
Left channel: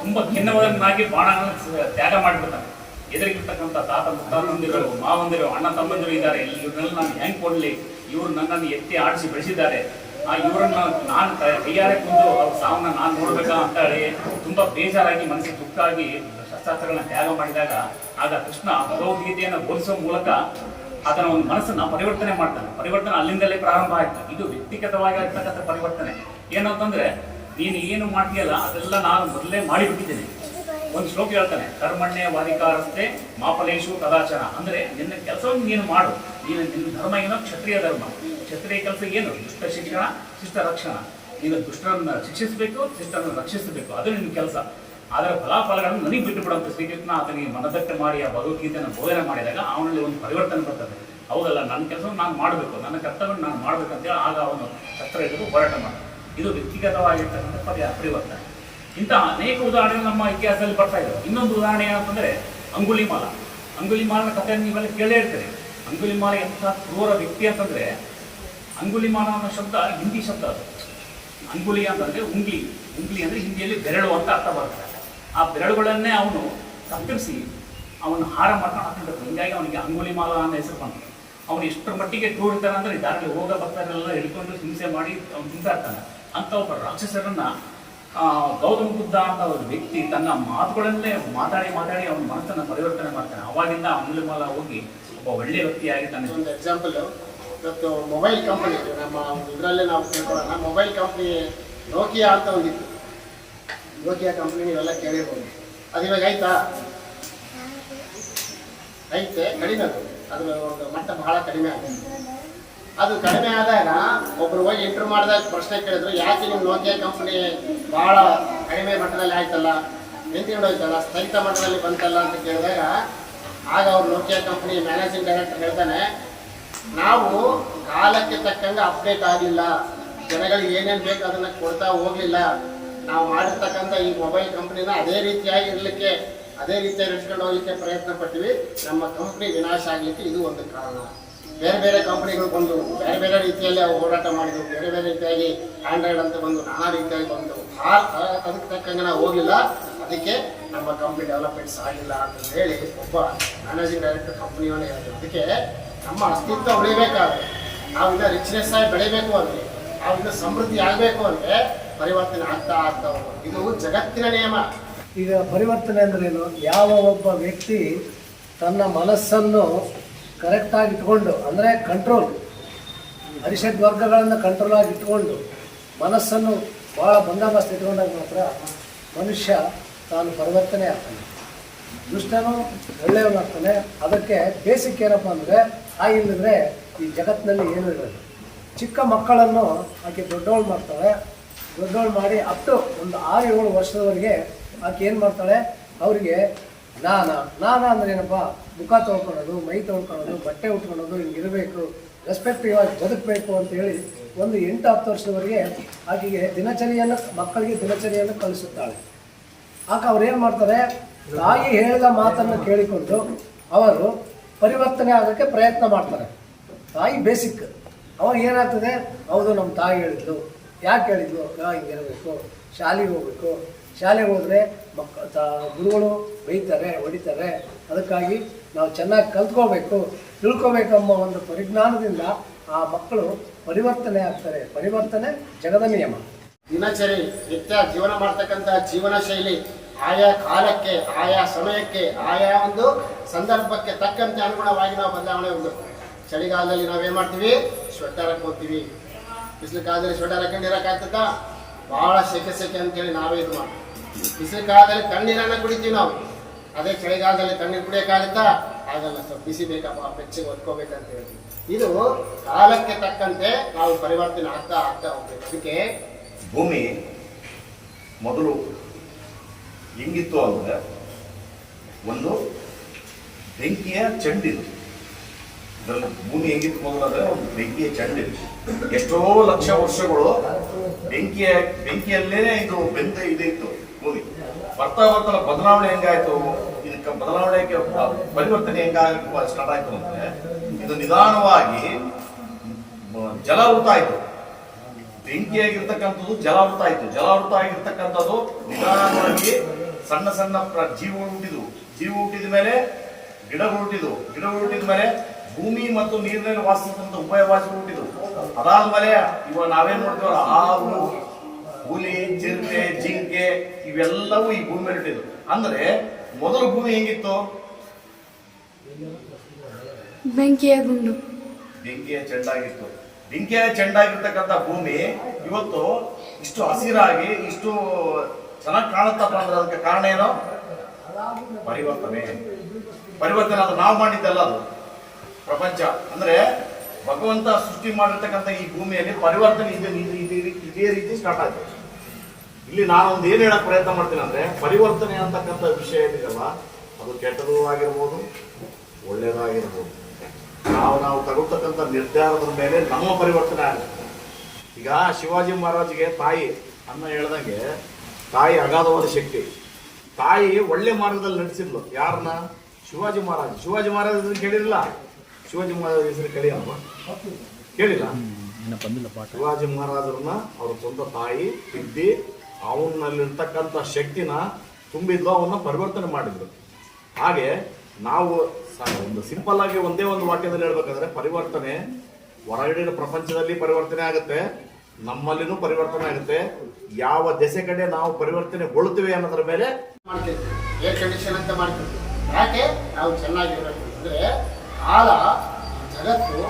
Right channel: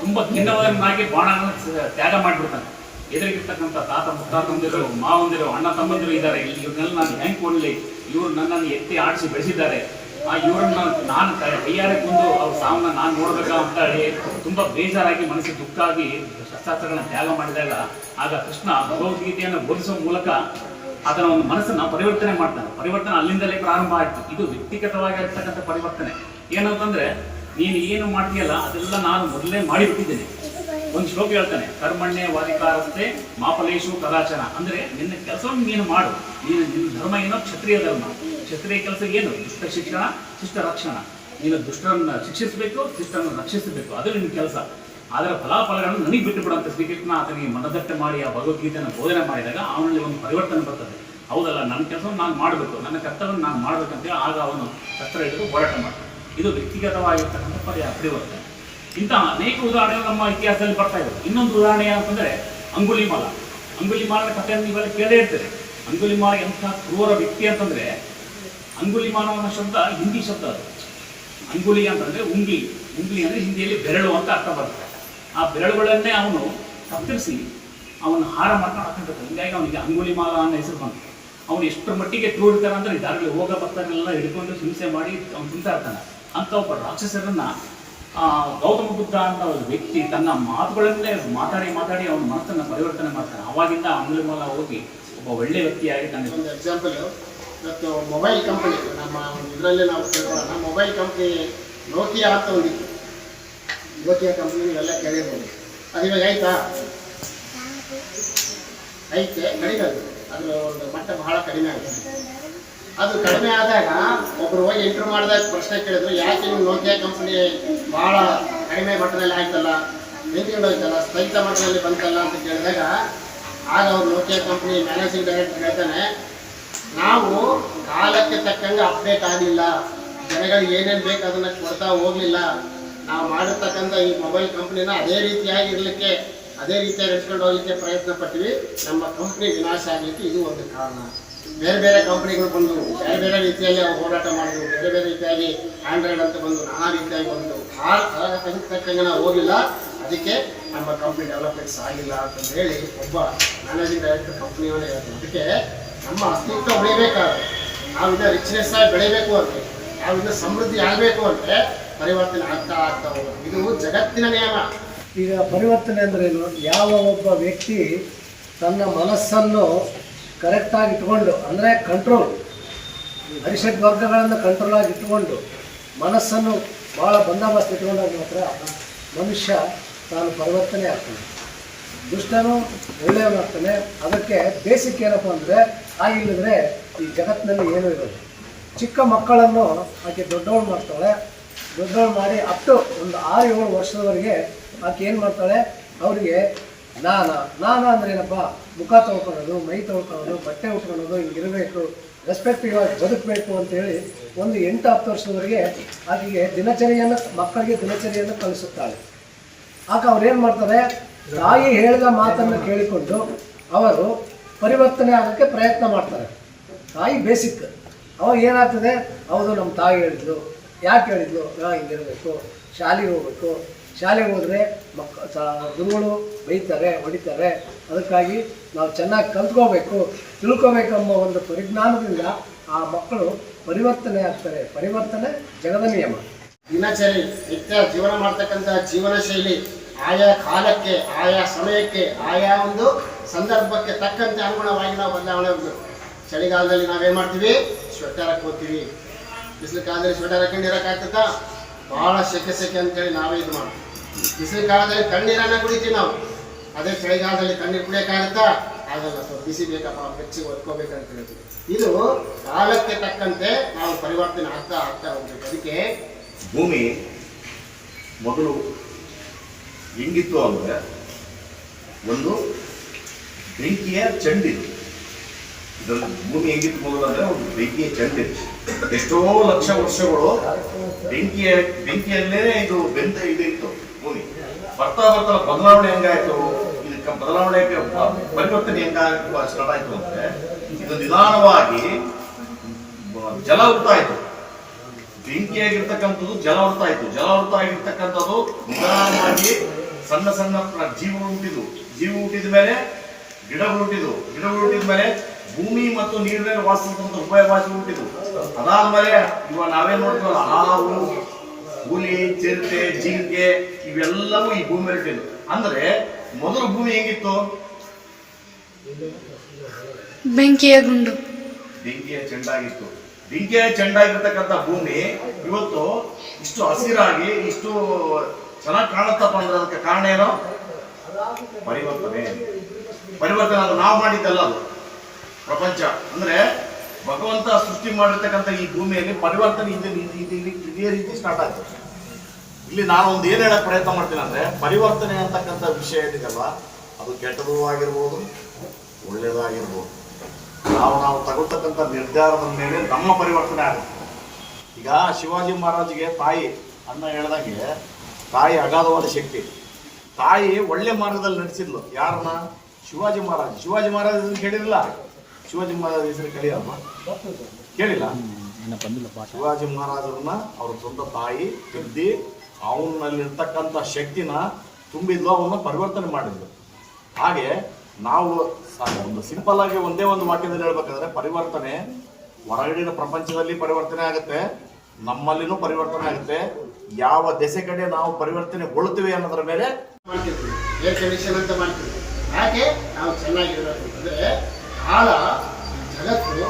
ತುಂಬಾ ಖಿನ್ನವನ್ನಾಗಿ ಸ- ತ್ಯಾಗ ಮಾಡಿಬಿಡ್ತಾನೆ ಎದುರಿಗಿರ್ತಕ್ಕಂಥ ತಾತ ಮುತ್ತಾತಂದಿರು ಮಾವಂದಿರು, ಅಣ್ಣ, ತಮ್ಮಂದಿರು ಇದ್ದಾರೆ. ಇವ್ರನ್ನೆಲ್ಲ ನಾನು ಹೆಂಗೆ ಕೊಡ್ಲಿ? ಇವ್ರು ನನ್ನನ್ನು ಎತ್ತಿ ಆಡಿಸಿ ಬೆಳೆಸಿದ್ದಾರೆ. ಆ ಇವರನ್ನ ನಾನು ಕೈಯಾರೆ ಕುಂದು ಅವ್ರ ಸಾವನ್ನ ನಾನು ನೋಡ್ಬೇಕಾ ಅಂತ ಹೇಳಿ ತುಂಬಾ ಬೇಜಾರಾಗಿ ಮನಸ್ಸಿಗೆ ದುಃಖಾಗಿ ಶಸ್ತ್ರಾಸ್ತ್ರಗಳನ್ನ ತ್ಯಾಗ ಮಾಡಿದಾಗ ಆಗ ಕೃಷ್ಣ ಭಗವದ್ಗೀತೆಯನ್ನು ಬೋಧಿಸುವ ಮೂಲಕ ಅದನ್ನ ಒಂದು ಮನಸ್ಸನ್ನ ಪರಿವರ್ತನೆ ಮಾಡ್ತಾನೆ. ಪರಿವರ್ತನೆ ಅಲ್ಲಿಂದಲೇ ಪ್ರಾರಂಭ ಆಯ್ತು. ಇದು ವ್ಯಕ್ತಿಗತವಾಗಿ ಆಗ್ತಕ್ಕಂಥ ಪರಿವರ್ತನೆ. ಏನಂತಂದ್ರೆ, ನೀನು ಏನು ಮಾಡ್ತೀಯಲ್ಲ ಅದೆಲ್ಲ ನಾನು ಮೊದಲೇ ಮಾಡಿಬಿಟ್ಟಿದ್ದೀನಿ. ಒಂದು ಶ್ಲೋಕ ಹೇಳ್ತಾನೆ, ಕರ್ಮಣ್ಯ ವಾದಿಕಾರಸ್ತೆ ಮಾಪಲೇಶು ತದಾಚನ ಅಂದ್ರೆ ನಿನ್ನ ಕೆಲಸವನ್ನು ನೀನು ಮಾಡು. ನೀನು ನಿನ್ನ ಧರ್ಮ ಏನೋ ಕ್ಷತ್ರಿಯ ಧರ್ಮ. ಕ್ಷತ್ರಿಯ ಕೆಲಸ ಏನು? ದುಷ್ಟ ಶಿಕ್ಷಣ, ಶಿಷ್ಟ ರಕ್ಷಣ. ನೀನು ದುಷ್ಟರನ್ನು ಶಿಕ್ಷಿಸಬೇಕು, ಶಿಷ್ಟರನ್ನು ರಕ್ಷಿಸಬೇಕು. ಅದು ನಿನ್ನ ಕೆಲಸ. ಅದರ ಫಲಾಫಲಗಳನ್ನು ನನಗೆ ಬಿಟ್ಟು ಶ್ರೀಕೃಷ್ಣ ಆತನಿಗೆ ಮನದಟ್ಟೆ ಮಾಡಿ ಆ ಭಗವದ್ಗೀತೆಯನ್ನು ಬೋಧನೆ ಮಾಡಿದಾಗ ಅವನಲ್ಲಿ ಒಂದು ಪರಿವರ್ತನೆ ಬರ್ತದೆ. ಹೌದಲ್ಲ, ನನ್ನ ಕೆಲಸವನ್ನು ನಾನು ಮಾಡಬೇಕು, ನನ್ನ ಕರ್ತವ್ಯವನ್ನು ನಾನು ಮಾಡ್ಬೇಕಂತೇಳಿ ಆಗ ಅವನು ಶಸ್ತ್ರ ಹಿಡಿದು ಹೋರಾಟ ಮಾಡ್ತಾನೆ. ಇದು ವ್ಯಕ್ತಿಗತವಾಗಿರ್ತಕ್ಕಂಥ ಪರಿವರ್ತನೆ. ಇಂತಹ ಅನೇಕ ಉದಾಹರಣೆಗಳು ನಮ್ಮ ಇತಿಹಾಸದಲ್ಲಿ ಬರ್ತಾ ಇದ್ದಾವೆ ಇನ್ನೊಂದು ಉದಾಹರಣೆ ಏನಂತಂದ್ರೆ ಅಂಗುಲಿಮಾಲ ಅಂಗುಲಿಮಾಲನ ಕಥೆಯನ್ನು ನೀವೆಲ್ಲ ಕೇಳೇ ಇರ್ತೀರಿ. ಅಂಗುಲಿಮಾಲ ಎಂಥ ಕ್ರೂರ ವ್ಯಕ್ತಿ ಅಂತಂದ್ರೆ ಅಂಗುಲಿಮಾಲ ಅನ್ನೋ ಶಬ್ದ ಹಿಂದಿ ಶಬ್ದ ಅದು. ಅಂಗುಲಿ ಅಂತಂದ್ರೆ ಉಂಗ್ಲಿ. ಉಂಗ್ಲಿ ಅಂದ್ರೆ ಹಿಂದಿಯಲ್ಲಿ ಬೆರಳು ಅಂತ ಅರ್ಥ ಬರ್ತದೆ. ಆ ಬೆರಳುಗಳನ್ನೇ ಅವನು ಕತ್ತರಿಸಿ ಅವನು ಹಾರ ಮಾಡ್ಕೊಂಡು ಹಾಕೊಂಡಿರ್ತಾನೆ ಹಿಂಗಾಗಿ ಅವನಿಗೆ ಅಂಗುಲಿಮಾಲ ಅನ್ನೋ ಹೆಸರು ಬಂತು. ಅವನು ಎಷ್ಟರ ಮಟ್ಟಿಗೆ ಕ್ರೂರಿತಾನೆ ಅಂದ್ರೆ ದಾರಿಗೆ ಹೋಗೋ ಭಕ್ತರೆಲ್ಲ ಹಿಡ್ಕೊಂಡು ಹಿಂಸೆ ಮಾಡಿ ಅವನು ತಿಂತಾ ಇರ್ತಾನೆ ಅಂತ ಒಬ್ಬ ರಾಕ್ಷಸರನ್ನ ಗೌತಮ ಬುದ್ಧ ಅಂತ ಒಂದು ವ್ಯಕ್ತಿ ತನ್ನ ಮಾತುಗಳನ್ನೇ ಮಾತಾಡಿ ಮಾತಾಡಿ ಅವನ ಮನಸ್ಸನ್ನು ಪರಿವರ್ತನೆ ಮಾಡ್ತಾನೆ. ಅವಾಗಿಂದ ಅಂಗುಲಿಮಾಲ ಹೋಗಿ ಒಬ್ಬ ಒಳ್ಳೆ ವ್ಯಕ್ತಿಯಾಗಿ ತನ್ನ ಒಂದು ಎಕ್ಸಾಂಪಲ್ ಇವತ್ತು ಮೊಬೈಲ್ ಕಂಪನಿ ನಮ್ಮ ಇದರಲ್ಲೇ ನಾವು ಕೇಳೋಣ ಮೊಬೈಲ್ ಕಂಪ್ನಿ ನೋಕಿಯಾ ಅಂತ ಒಂದಿತ್ತು ನೋಕಿಯಾ ಕಂಪ್ನಿ ಇವೆಲ್ಲ ಕೇಳಿರ್ಬೋದು ಅದು ಇವಾಗ ಆಯ್ತಾ? ಐತೆ. ಕಡಿಮೆ ಅದು. ಅದರ ಒಂದು ಮಟ್ಟ ಬಹಳ ಕಡಿಮೆ ಆಗಿದೆ. ಅದು ಕಡಿಮೆ ಆದಾಗ ಒಬ್ರು ಹೋಗಿ ಇಂಟರ್ವ್ಯೂ ಮಾಡಿದಾಗ ಪ್ರಶ್ನೆ ಕೇಳಿದ್ರು, ಯಾಕೆ ನೀವು ನೋಕಿಯಾ ಕಂಪ್ನಿ ಬಹಳ ಕಡಿಮೆ ಮಟ್ಟದಲ್ಲಿ ಆಯ್ತಲ್ಲ? ನಿಂತ್ಕೊಂಡೋಯ್ತಲ್ಲ ಸ್ಥಗಿತ ಮಟ್ಟದಲ್ಲಿ ಬಂತಲ್ಲ? ಅಂತ ಕೇಳಿದಾಗ, ಆಗ ಅವ್ರು ನೋಕಿಯಾ ಕಂಪ್ನಿ ಮ್ಯಾನೇಜಿಂಗ್ ಡೈರೆಕ್ಟರ್ ಹೇಳ್ತಾನೆ, ನಾವು ಕಾಲಕ್ಕೆ ತಕ್ಕಂಗೆ ಅಪ್ಡೇಟ್ ಆಗಿಲ್ಲ. ಜನಗಳಿಗೆ ಏನೇನು ಬೇಕು ಅದನ್ನ ಕೊಡ್ತಾ ಹೋಗ್ಲಿಲ್ಲ. ನಾವು ಮಾಡಿರ್ತಕ್ಕಂಥ ಈ ಮೊಬೈಲ್ ಕಂಪ್ನಿನ ಅದೇ ರೀತಿಯಾಗಿ ಇರಲಿಕ್ಕೆ ಅದೇ ರೀತಿಯಾಗಿ ಇಟ್ಕೊಂಡು ಹೋಗ್ಲಿಕ್ಕೆ ಪ್ರಯತ್ನ ಪಟ್ಟಿವಿ ನಮ್ಮ ಕಂಪ್ನಿ ವಿನಾಶ ಆಗಲಿಕ್ಕೆ ಇದು ಒಂದು ಕಾರಣ. ಬೇರೆ ಬೇರೆ ಕಂಪ್ನಿಗಳು ಬಂದು, ಬೇರೆ ಬೇರೆ ರೀತಿಯಲ್ಲಿ ಹೋರಾಟ ಮಾಡಿದ್ರು, ಬೇರೆ ಬೇರೆ ರೀತಿಯಾಗಿ ಆಂಡ್ರಾಯ್ಡ್ ಅಂತ ಬಂದು ನಾನಾ ರೀತಿಯಾಗಿ ಬಂದು, ಆ ತಕ್ಕಂಗೆ ನಾವು ಹೋಗಿಲ್ಲ. ಅದಕ್ಕೆ ನಮ್ಮ ಕಂಪ್ನಿ ಡೆವಲಪ್ಮೆಂಟ್ಸ್ ಆಗಿಲ್ಲ ಅಂತ ಹೇಳಿ ಒಬ್ಬ ಮ್ಯಾನೇಜಿಂಗ್ ಡೈರೆಕ್ಟರ್ ಕಂಪ್ನಿಯವನೇ ಹೇಳ್ತಾರೆ ಅದಕ್ಕೆ ನಮ್ಮ ಅಸ್ತಿತ್ವ ಉಳಿಬೇಕಾದ್ರೆ ನಾವಿನ್ನ ರಿಚ್ನೆಸ್ ಆಗಿ ಬೆಳಿಬೇಕು ಅಂದ್ರೆ, ನಾವಿನ್ನ ಸಮೃದ್ಧಿ ಆಗಬೇಕು ಅಂದ್ರೆ ಪರಿವರ್ತನೆ ಆಗ್ತಾ ಆಗ್ತಾ ಹೋಗೋದು. ಇದು ಜಗತ್ತಿನ ನಿಯಮ. ಈಗ ಪರಿವರ್ತನೆ ಅಂದ್ರೇನು ಯಾವ ಒಬ್ಬ ವ್ಯಕ್ತಿ ತನ್ನ ಮನಸ್ಸನ್ನು ಕರೆಕ್ಟಾಗಿ ಇಟ್ಕೊಂಡು, ಅಂದರೆ ಕಂಟ್ರೋಲ್ ಅರಿಷಡ್ ವರ್ಗಗಳನ್ನು ಕಂಟ್ರೋಲ್ ಆಗಿ ಇಟ್ಕೊಂಡು, ಮನಸ್ಸನ್ನು ಭಾಳ ಬಂದೋಬಸ್ತ್ ಇಟ್ಕೊಂಡಾಗ ಮಾತ್ರ ಮನುಷ್ಯ ತಾನು ಪರಿವರ್ತನೆ ಆಗ್ತಾನೆ. ದುಷ್ಟನು ಒಳ್ಳೆಯವನಾಗ್ತಾನೆ. ಅದಕ್ಕೆ ಬೇಸಿಕ್ ಏನಪ್ಪ ಅಂದರೆ, ಆ ಇಲ್ಲದ್ರೆ ಈ ಜಗತ್ತಿನಲ್ಲಿ ಏನೂ ಇರೋದು ಚಿಕ್ಕ ಮಕ್ಕಳನ್ನು ಆಕೆ ದೊಡ್ಡವಳು ಮಾಡ್ತಾಳೆ. ದೊಡ್ಡವಳು ಮಾಡಿ ಟು ಒಂದು ಆರು, ಏಳು ವರ್ಷದವರೆಗೆ ಆಕೆ ಏನು ಮಾಡ್ತಾಳೆ? ಅವರಿಗೆ ನಾನ ನಾನ ಅಂದ್ರೆ ಏನಪ್ಪ? ಮುಖ ತೊಳ್ಕೊಳ್ಳೋದು, ಮೈ ತೊಳ್ಕೊಳ್ಳೋದು, ಬಟ್ಟೆ ಉಟ್ಕೊಳ್ಳೋದು ಹಿಂಗಿರಬೇಕು ರೆಸ್ಪೆಕ್ಟಿವ್ ಆಗಿ ಬದುಕಬೇಕು ಅಂತೇಳಿ ಒಂದು ಎಂಟು ಹತ್ತು ವರ್ಷದವರೆಗೆ ಆಕೆಗೆ ದಿನಚರಿಯನ್ನು, ಮಕ್ಕಳಿಗೆ ದಿನಚರಿಯನ್ನು ಕಲಿಸುತ್ತಾಳೆ ಆಗ ಅವ್ರೇನು ಮಾಡ್ತಾರೆ? ತಾಯಿ ಹೇಳಿದ ಮಾತನ್ನು ಕೇಳಿಕೊಂಡು ಅವರು ಪರಿವರ್ತನೆ ಆಗೋಕ್ಕೆ ಪ್ರಯತ್ನ ಮಾಡ್ತಾರೆ. ತಾಯಿ ಬೇಸಿಕ್. ಅವಾಗ ಏನಾಗ್ತದೆ? ಹೌದು ನಮ್ಮ ತಾಯಿ ಹೇಳಿದ್ಲು. ಯಾಕೆ ಹೇಳಿದ್ಲು? ನಾ ಹಿಂಗಿರಬೇಕು ಶಾಲೆಗೆ ಹೋಗ್ಬೇಕು. ಶಾಲೆಗೆ ಹೋದರೆ ಮಕ್ಕ ಗುರುಗಳು ಬೈತಾರೆ, ಹೊಡಿತಾರೆ. ಅದಕ್ಕಾಗಿ ನಾವು ಚೆನ್ನಾಗಿ ಕಲ್ತ್ಕೋಬೇಕು. ತಿಳ್ಕೋಬೇಕೆಂಬ ಒಂದು ಪರಿಜ್ಞಾನದಿಂದ ಆ ಮಕ್ಕಳು ಪರಿವರ್ತನೆ ಆಗ್ತಾರೆ. ಪರಿವರ್ತನೆ ಜಗದ ನಿಯಮ. ದಿನಚರಿ, ನಿತ್ಯ ಜೀವನ ಮಾಡ್ತಕ್ಕಂಥ ಜೀವನ ಶೈಲಿ ಆಯಾ ಕಾಲಕ್ಕೆ, ಆಯಾ ಸಮಯಕ್ಕೆ, ಆಯಾ ಒಂದು ಸಂದರ್ಭಕ್ಕೆ ತಕ್ಕಂತೆ ಅನುಗುಣವಾಗಿ ನಾವು ಬದಲಾವಣೆ ಉಂಟು ಚಳಿಗಾಲದಲ್ಲಿ ನಾವೇನು ಮಾಡ್ತೀವಿ? ಸ್ವೆಟರ್ ಹಾಕೋತೀವಿ ಬಿಸಿಲು ಕಾಲದಲ್ಲಿ ಸ್ವೆಟರ್ ಹಾಕೊಂಡಿರಕ್ಕಾಗ್ತದ ಭಾಳ ಸೆಕೆ ಸೆಕೆ ಅಂತೇಳಿ ನಾವೇ ಇದು ಮಾಡ್ತೀವಿ. ಬಿಸಿಲು ಕಾಲದಲ್ಲಿ ತಣ್ಣೀರನ್ನ ಕುಡಿತೀವಿ ನಾವು. ಅದೇ ಚಳಿಗಾಲದಲ್ಲಿ ತಣ್ಣೀರು ಕುಡಿಯೋಕ್ಕಾಗುತ್ತಾ ಆಗಲ್ಲ ಸರ್, ಬಿಸಿ ಬೇಕಪ್ಪ ಬೆಚ್ಚಗೆ ಒತ್ಕೋಬೇಕಂತ ಹೇಳ್ತೀವಿ ಇದು ಕಾಲಕ್ಕೆ ತಕ್ಕಂತೆ ನಾವು ಪರಿವರ್ತನೆ ಆಗ್ತಾ ಆಗ್ತಾ ಹೋಗ್ಬೇಕು. ಅದಕ್ಕೆ ಭೂಮಿ ಮೊದಲು ಹೆಂಗಿತ್ತು ಅಂದರೆ ಒಂದು ಬೆಂಕಿಯ ಚಂಡಿತ್ತು ಇದರಲ್ಲಿ ಭೂಮಿ ಹೆಂಗಿತ್ತು ಮೊದಲು ಅಂದರೆ ಒಂದು ಬೆಂಕಿಯ ಚಂಡಿತ್ತು ಎಷ್ಟೋ ಲಕ್ಷ ವರ್ಷಗಳು ಬೆಂಕಿಯ, ಬೆಂಕಿಯಲ್ಲೇ ಇದು ಬೆಂತ ಇದಿತ್ತು ಭೂಮಿ ಬರ್ತಾ ಬರ್ತಾ ಬದಲಾವಣೆ ಹೆಂಗಾಯ್ತು? ಇದಕ್ಕೆ ಬದಲಾವಣೆಗೆ ಪರಿವರ್ತನೆ ಹೆಂಗಾಗ ಸ್ಟಾರ್ಟ್ ಆಯ್ತು ಅಂದ್ರೆ ಇದು ನಿಧಾನವಾಗಿ ಜಲ ಜಲಾವೃತ ಆಯ್ತು ಬೆಂಕಿಯಾಗಿರ್ತಕ್ಕಂಥದ್ದು ಜಲಾವೃತ ಆಯ್ತು ಜಲಾವೃತ ಆಗಿರ್ತಕ್ಕಂಥದ್ದು ನಿಧಾನವಾಗಿ ಸಣ್ಣ ಸಣ್ಣ ಜೀವಗಳು ಹುಟ್ಟಿದ್ವು. ಜೀವ ಹುಟ್ಟಿದ ಮೇಲೆ ಗಿಡಗಳು ಹುಟ್ಟಿದ್ವು. ಗಿಡಗಳು ಹುಟ್ಟಿದ ಮೇಲೆ ಭೂಮಿ ಮತ್ತು ನೀರಿನಲ್ಲಿ ವಾಸಿಸ್ತಕ್ಕಂಥ ಉಭಯವಾಸಿ ಹುಟ್ಟಿದ್ವು. ಅದಾದ್ಮೇಲೆ ಇವಾಗ ನಾವೇನ್ ನೋಡ್ತೀವಲ್ಲ ಹಾವು ಹುಲಿ ಚಿರತೆ ಜಿಂಕೆ ಇವೆಲ್ಲವೂ ಈ ಭೂಮಿ ಮೇಲೆ ಅಂದ್ರೆ ಮೊದಲು ಭೂಮಿ ಹೆಂಗಿತ್ತು? ಬೆಂಕಿಯ ಗುಂಡು. ಬೆಂಕಿಯ ಚೆಂಡಾಗಿತ್ತು. ಬೆಂಕಿಯ ಚೆಂಡಾಗಿರ್ತಕ್ಕಂಥ ಭೂಮಿ ಇವತ್ತು ಇಷ್ಟು ಹಸಿರಾಗಿ ಇಷ್ಟು ಚೆನ್ನಾಗಿ ಕಾಣುತ್ತಪ್ಪ ಅಂದ್ರೆ ಅದಕ್ಕೆ ಕಾರಣ ಏನು? ಪರಿವರ್ತನೆ. ಪರಿವರ್ತನೆ ಅದು ನಾವು ಮಾಡಿದ್ದಲ್ಲ ಅದು. ಪ್ರಪಂಚ. ಅಂದ್ರೆ ಭಗವಂತ ಸೃಷ್ಟಿ ಮಾಡಿರ್ತಕ್ಕಂಥ ಈ ಭೂಮಿಯಲ್ಲಿ ಪರಿವರ್ತನೆ ಇದೆ ಇದೆ- ರೀತಿ ಸ್ಟಾರ್ಟ್ ಆಯ್ತು. ಇಲ್ಲಿ ನಾನು ಒಂದು ಏನು ಹೇಳಕ್ ಪ್ರಯತ್ನ ಮಾಡ್ತೀನಿ ಅಂದ್ರೆ, ಪರಿವರ್ತನೆ ಅಂತಕ್ಕಂಥ ವಿಷಯ ಏನಿದೆಲ್ಲ ಅದು ಕೆಟ್ಟದೂ ಆಗಿರ್ಬೋದು, ಒಳ್ಳೇದಾಗಿರ್ಬೋದು. ನಾವು ನಾವು ತಗೊಳ್ತಕ್ಕಂಥ ನಿರ್ಧಾರದ ಮೇಲೆ ನಮ್ಮ ಪರಿವರ್ತನೆ ಆಗುತ್ತೆ. ಈಗ ಶಿವಾಜಿ ಮಹಾರಾಜ್ಗೆ ತಾಯಿ ಅನ್ನ ಹೇಳ್ದಂಗೆ, ತಾಯಿ ಅಗಾಧವಾದ ಶಕ್ತಿ. ತಾಯಿ ಒಳ್ಳೆ ಮಾರ್ಗದಲ್ಲಿ ನಡೆಸಿದ್ಲು. ಯಾರನ್ನ? ಶಿವಾಜಿ ಮಹಾರಾಜ್. ಶಿವಾಜಿ ಮಹಾರಾಜ್ ಕೇಳಿರಲಿಲ್ಲ ಶಿವಾಜಿ ಮಹಾರಾಜ ಹೆಸರು ಕೇಳಿಯಮ್ಮ ಕೇಳಿಲ್ಲ? ಶಿವಾಜಿ ಮಹಾರಾಜರನ್ನ ಅವ್ರ ಸ್ವಂತ ತಾಯಿ ತಿದ್ದಿ ಅವನಲ್ಲಿರ್ತಕ್ಕಂಥ ಶಕ್ತಿನ ತುಂಬಿದ ಲೋಭವನ್ನ ಪರಿವರ್ತನೆ ಮಾಡಿದ್ರು. ಹಾಗೆ ನಾವು ಸ- ಒಂದು ಸಿಂಪಲ್ ಆಗಿ ಒಂದೇ ಒಂದು ವಾಕ್ಯದಲ್ಲಿ ಹೇಳ್ಬೇಕಂದ್ರೆ ಪರಿವರ್ತನೆ ಹೊರಗಡಿನ ಪ್ರಪಂಚದಲ್ಲಿ ಪರಿವರ್ತನೆ ಆಗುತ್ತೆ ನಮ್ಮಲ್ಲಿನೂ ಪರಿವರ್ತನೆ ಆಗುತ್ತೆ ಯಾವ ದೆಸೆ ಕಡೆ ನಾವು ಪರಿವರ್ತನೆಗೊಳ್ತೀವಿ ಅನ್ನೋದ್ರ ಮೇಲೆ ಮಾಡ್ತಿರ್ತೀವಿ ಯಾಕೆ? ನಾವು ಚೆನ್ನಾಗಿರ್ಬೇಕು. ಅಂದ್ರೆ ಕಾಲ ಜಗತ್ತು